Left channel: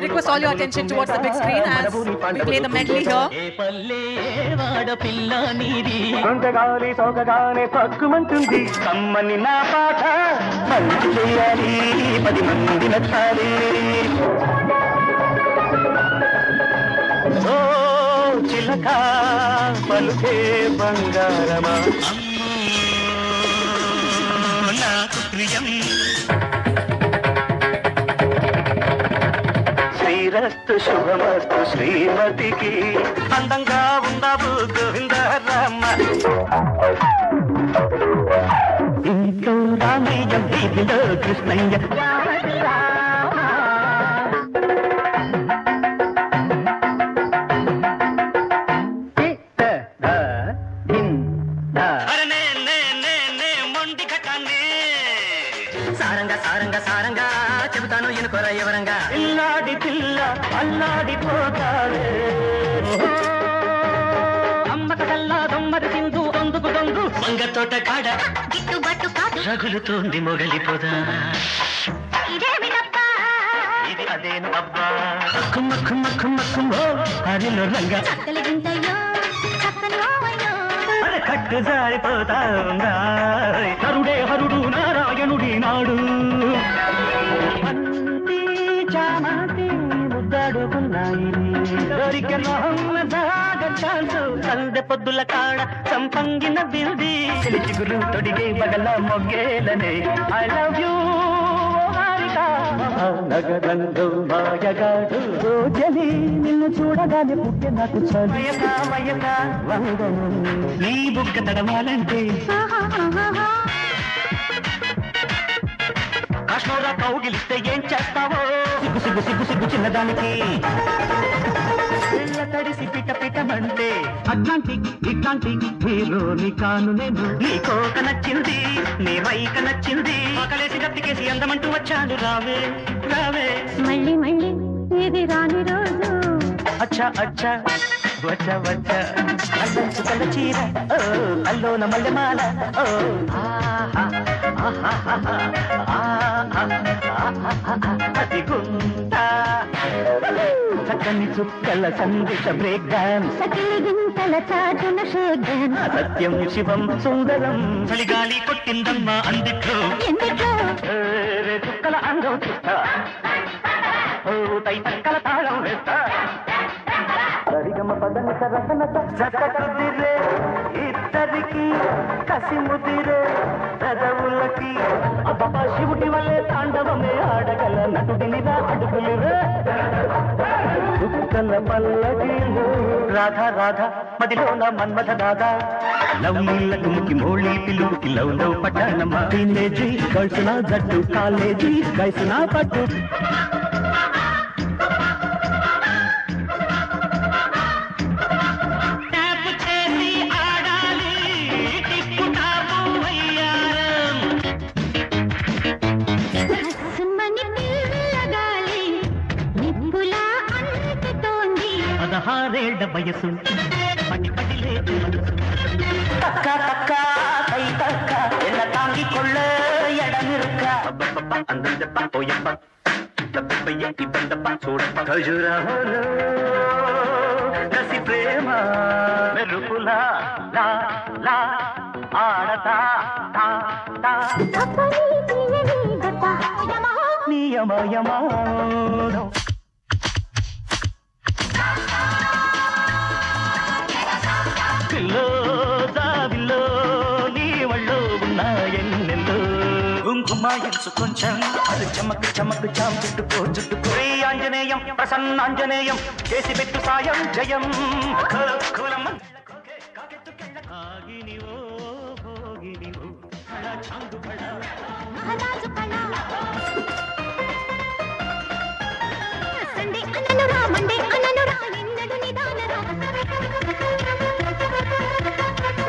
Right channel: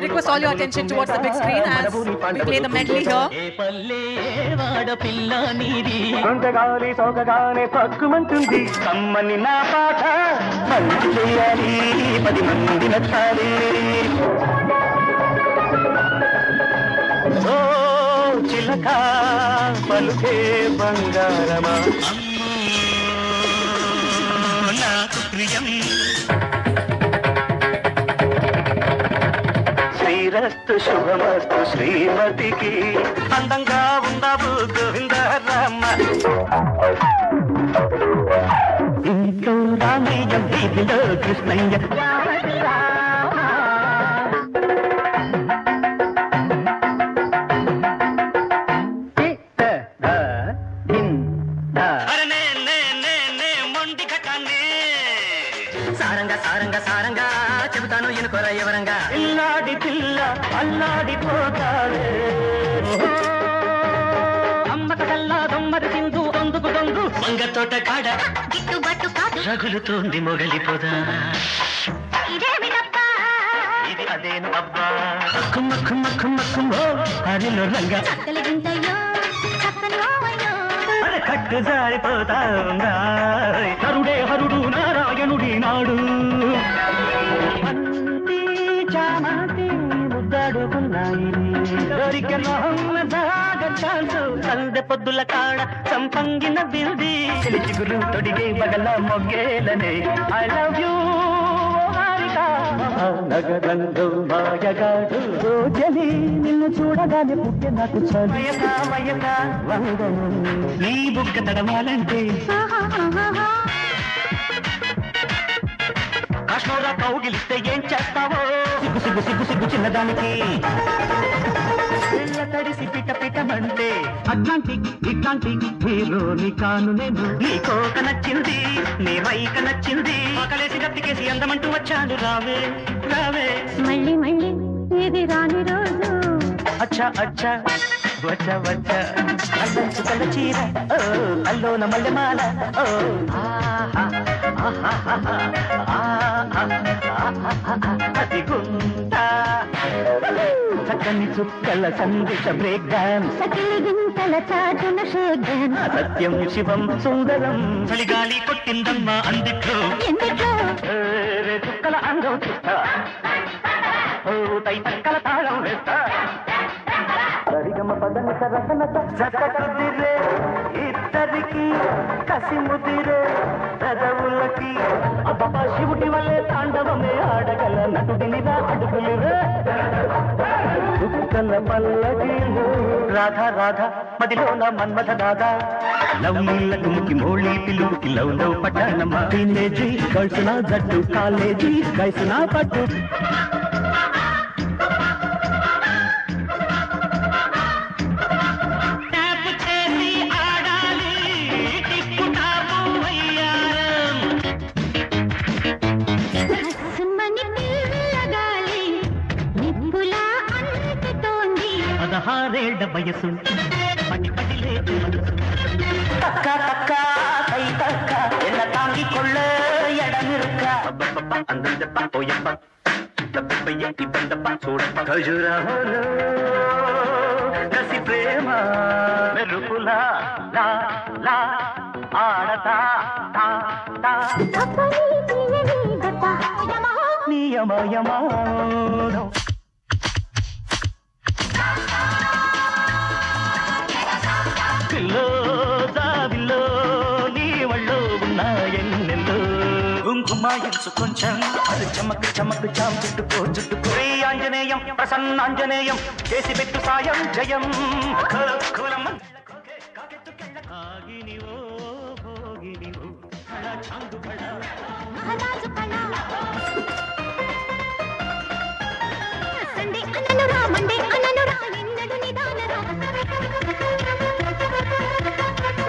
request all your attention towards the big screen as we play the medley here. శ్రీమతికి అందంగా ఉండదు గోవిందరామ కృష్ణయ్య మొగలిపోదా అదేను అబ్బా కుమ్మ కుమ్మ కుమ్మ కుమ్మ హరిలో రంగ కట్టు జారిపోతా హరుడే హరుడు నారాయణుడి నాడు అంతి చామంతి ముద్దాడుకున్నాయి సందె పొద్దుల కాడ సంపంగిన బిల్ది చిగురు తొడిగే బగల మొగ్గేలనే ఐ లవ్ యూ నగరంగో మాయగాడు రోజలి నిన్ను చూడగానే పుట్టే నాకు చమయగా వందను నీ బుక్క తడవాలంటే కాశ్మీరా కౌగిలిస్తే ఏం చేస్తావో సిగ్గు సిగ్గు సిగ్గు చిన్నదానికి తడిసి పిట పిటమంటే అట్లాంటి ఇట్లాంటి హీరోని కాను నేను నీ కోక నచ్చింది నీ వైక నచ్చింది ఆకలేసి గట్టికేసి అందమంటూ వచ్చాడు రావే రావే మళ్ళీ మళ్ళీ ఇది రాని రోజు అచ్చా అచ్చా వచ్చా వచ్చా అల్లంచుకల చీర అల్లోన మల్లెమాల అది గుంటా చక్కని చుక్కల సందేశ బ్రేక్ డాన్స్ గింతల చాటున షేక్ డాన్స్ సత్యం శివం సుందరం చలిగాలి కుట్టిందమ్మా అందుకో తైతక్కల తాళం వేస్తా సరిగమ పదన సరసన చక్కదిరే ఇద్దరికి కసి ముదిరే పెదవులకి అబ్బా శివుడి వల్లే తాండవమే ఆడగల నటుడినిరా అడుగులు దుఃఖల పల్లకి రాధా రాధా మదిలో నా మన్మథ దాదా లవ్ నీళ్ళ తుమ్కి మోళీ పిలుపుకి లవ్ లవ్ పట్టణమా టీనేజీ కలిసిన జట్టు కాలేజీ కలిసిన పట్టు వయసు తక్క తక్క కై తక్క ఎన్న తాంగి కొళ్ళ ఎడమిరుక్క అందప్ప పోయప్ప తప్పయ్యి బందప్ప చూడప్ప ఖజురాహోలో కసి ప్రేమ మెరుపులా లా లా ఆడతా తా తా నియమయమానో కుంకుమాయించు కొంచెం చమక్ చమక్ చాం చుట్టుకో చుట్టుకో ఆంజనేయం ప్రసన్నాంజనేయం చేసి పెట్టు సాయం జయం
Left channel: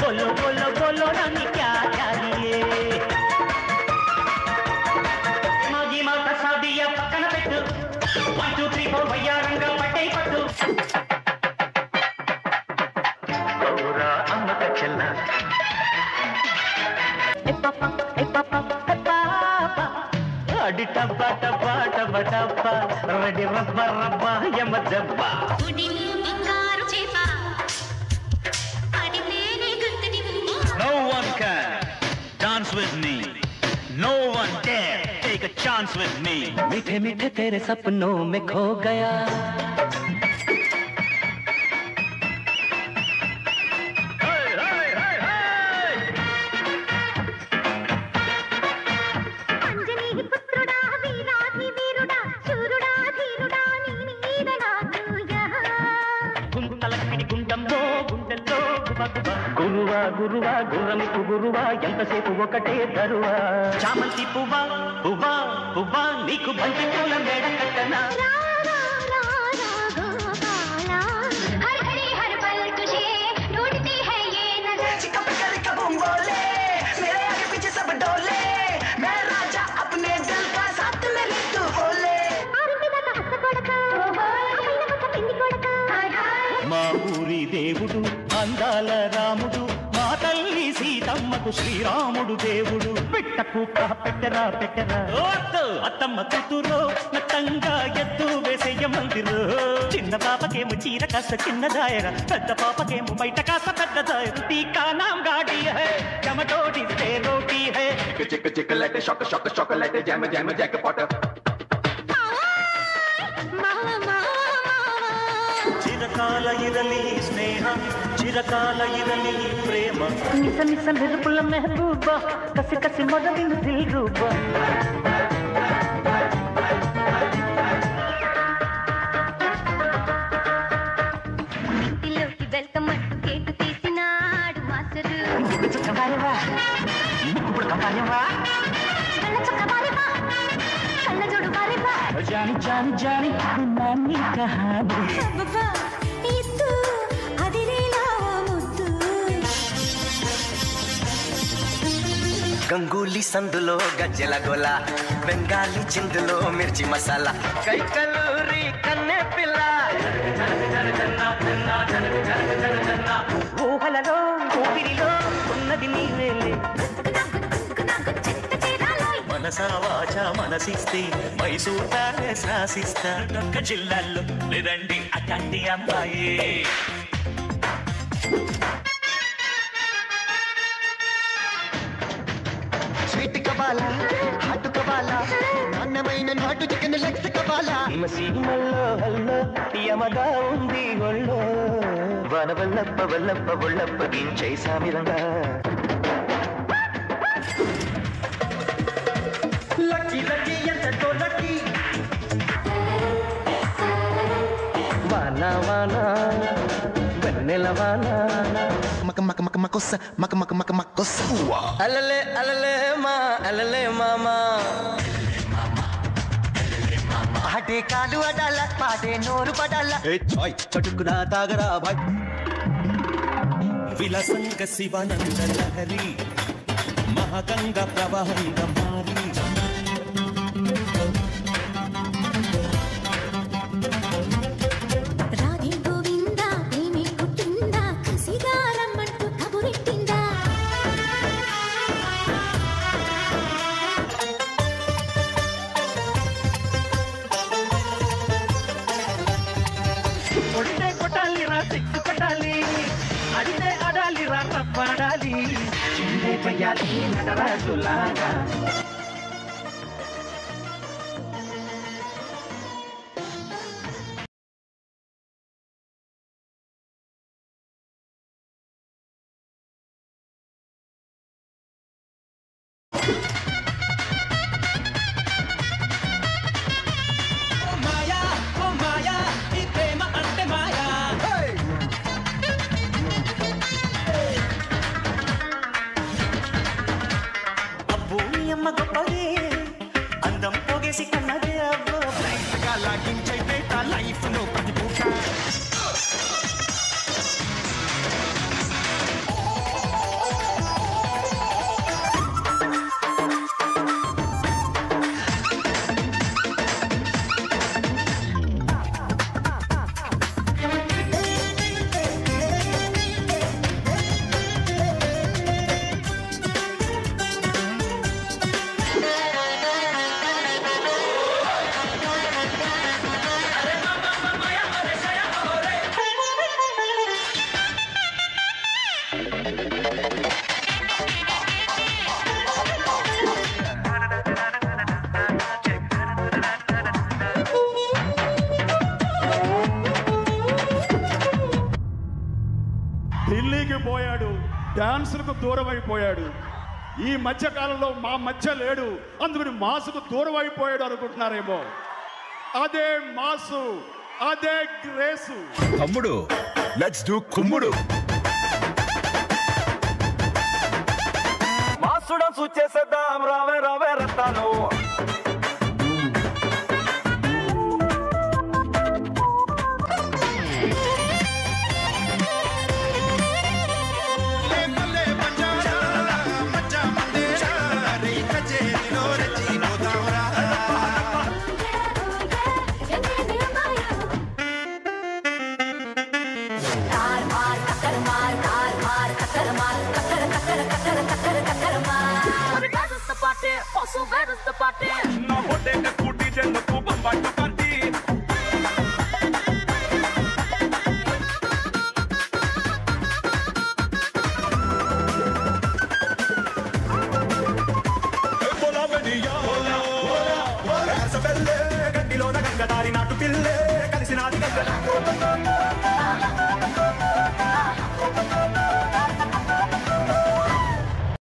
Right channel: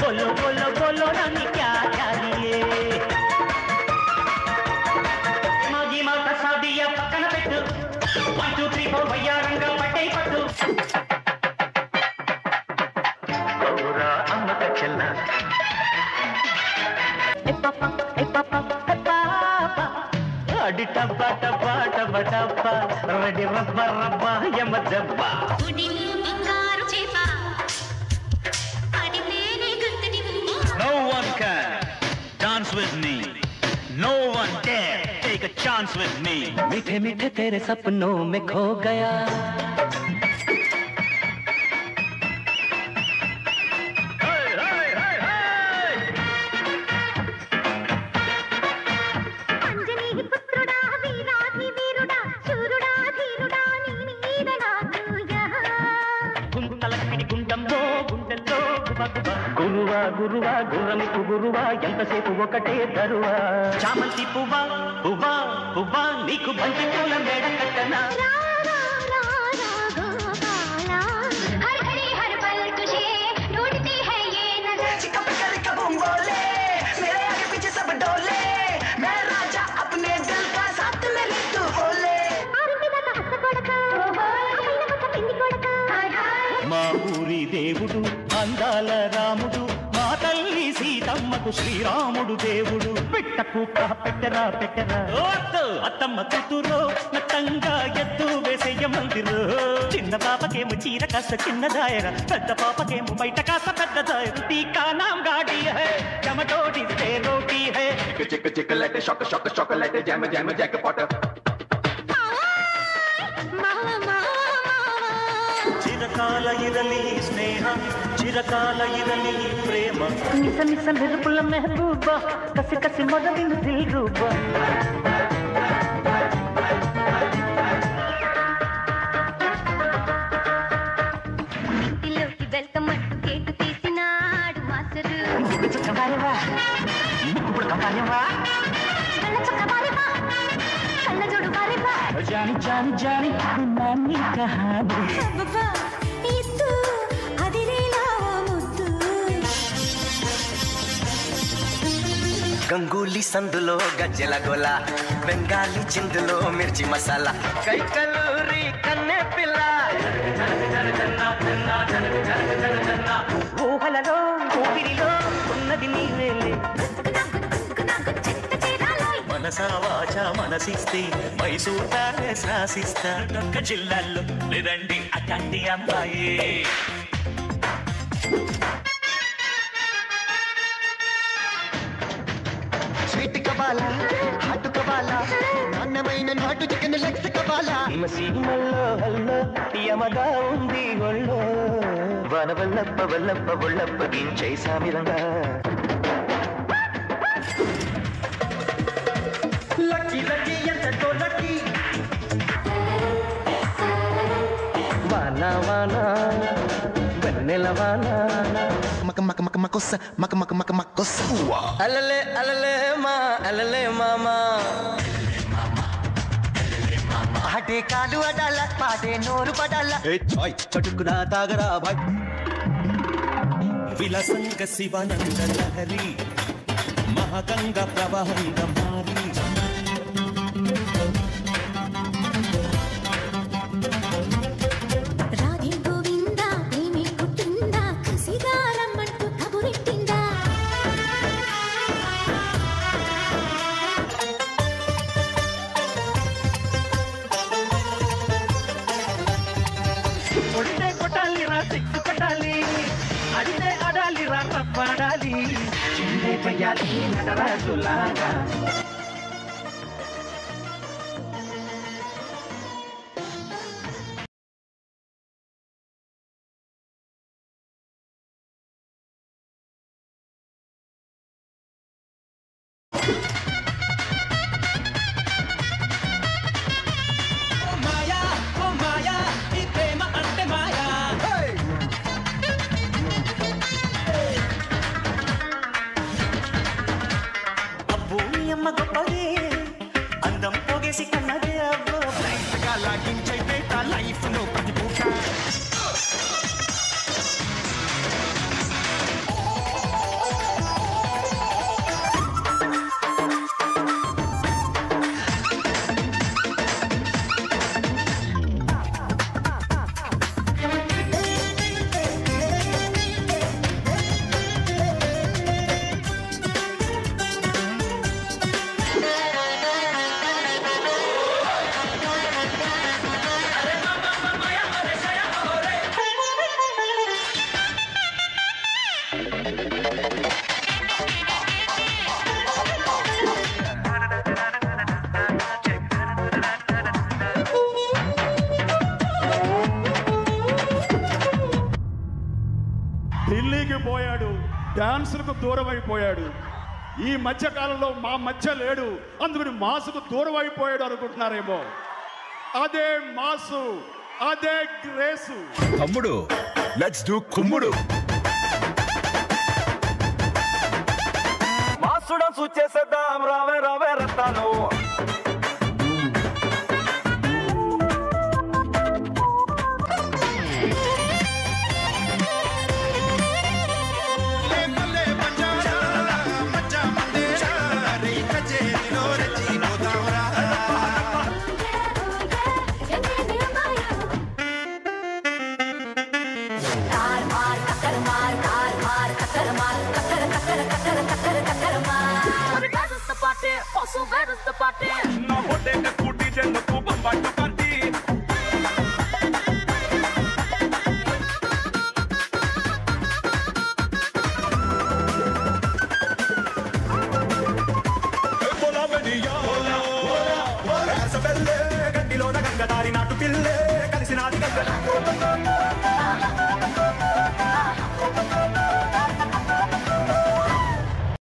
बोलो बोलो बोलो रानी क्या चाहिए मागी माता सादिया पక్కన పెట్టు 1 2 3 4 వయ్యారంగా పట్టే పట్టు అమ్మక చెల్ల ఏ పాపా అది టబ్బా టబ్బా టబ్బా టబ్బా రెడీ రబ్బ రబ్బ యమ దెబ్బ. No one can dance with me. No one dare take a chance with me. मीठे मीठे तेरे सपनों में खो गया. గురువా గురువా గుర్రమికు గురువా ఎంతసేపు ఒకటి తరువా చామంతి పువ్వా పువ్వా పువ్వా నీకు బంతి పూల మేడ కట్టనా. మా ఊరి దేవుడు అందాల రాముడు మా తల్లి సీతమ్మకు శ్రీరాముడు దేవుడు. పెట్టకు పెట్టరా పెట్టరా అత్తమ్మ కూతురు నత్తంగా ఎత్తు వేసేయ మందిరు. చిన్న పాపకేమో చీర కాస్త చిన్న దాయర, పెద్ద పాపకేమో బయట కాస్త పెద్ద దాయర. టీకా నామ్ గాడి హై టమటోడి తే రోటీ హై చిక్ చిక్ light shock shock shock light జమ జమ జక పాట. చిరకాల ఇదని స్నేహం చిరకాల ఇదని ప్రేమ మిస మిస మురుపుల మెహబూబ కసి కసి మొదలు వేరూబ. ఇంటిలోకి వెల్కమ్ కేటు తీసినాడు మాస్టర్. చొక్కబారేవా ఇప్పుడు కంపారేవా చొక్కబారేవా కళ్ళజోడు బారేవా జాని జాని జాని నాన్ని కహాని గంగూలీ సందులో గజ్జల గొల బెంగాలీ చిందులు కైకలూరి కన్నె పిల్ల ఊహలలో ఊపిరిలో ఉన్నది నీవేలే. మనసా వాచ మనసిస్తే మైసూతాను శాసిస్తా జిల్లాల్లో ఇదండి అతండి అమ్మాయి. స్వీట్ కబాలా హాట్ కబాలా నాన్నమైన నాటుకు కబాలా యమదా ఉంది ఒళ్ళే మహాగంగా ప్రవాహంగా మారి రాధే గోవింద ప్రేమి పుట్టిందా సిగారమ్మంటూ కబురెట్టిందా. కొట్టే కొట్టాలి రా సిక్కు కొట్టాలి అడితే ఆడాలి రా రప్పాడాలి చిందే పయ్యాలి నటరాజులాగా. అందం పోగేసి కన్నదే అబ్బో లైఫ్ గా లాగించైతే లైఫ్ లో ప్రతి పూట సిటీకి పోయాడు, డాన్సులకు దూరం అయిపోయాడు. ఈ మధ్య కాలంలో మా మధ్య లేడు, అందుకని మాసుకు దూరం అయిపోయాడు అనుకుంటున్నారేమో. అదే మాసు, అదే గ్రేసు. తమ్ముడు లెట్స్ డూ కుమ్ముడు. మాసుడ సూచేసేద్దాం, రావే రావే Rattalu. Where is the party? No, what they just put it in the super party. Hola, Maria, hola, hola, hola. Sabelle, gandilona, gangadari, natu pille, kalisi natu.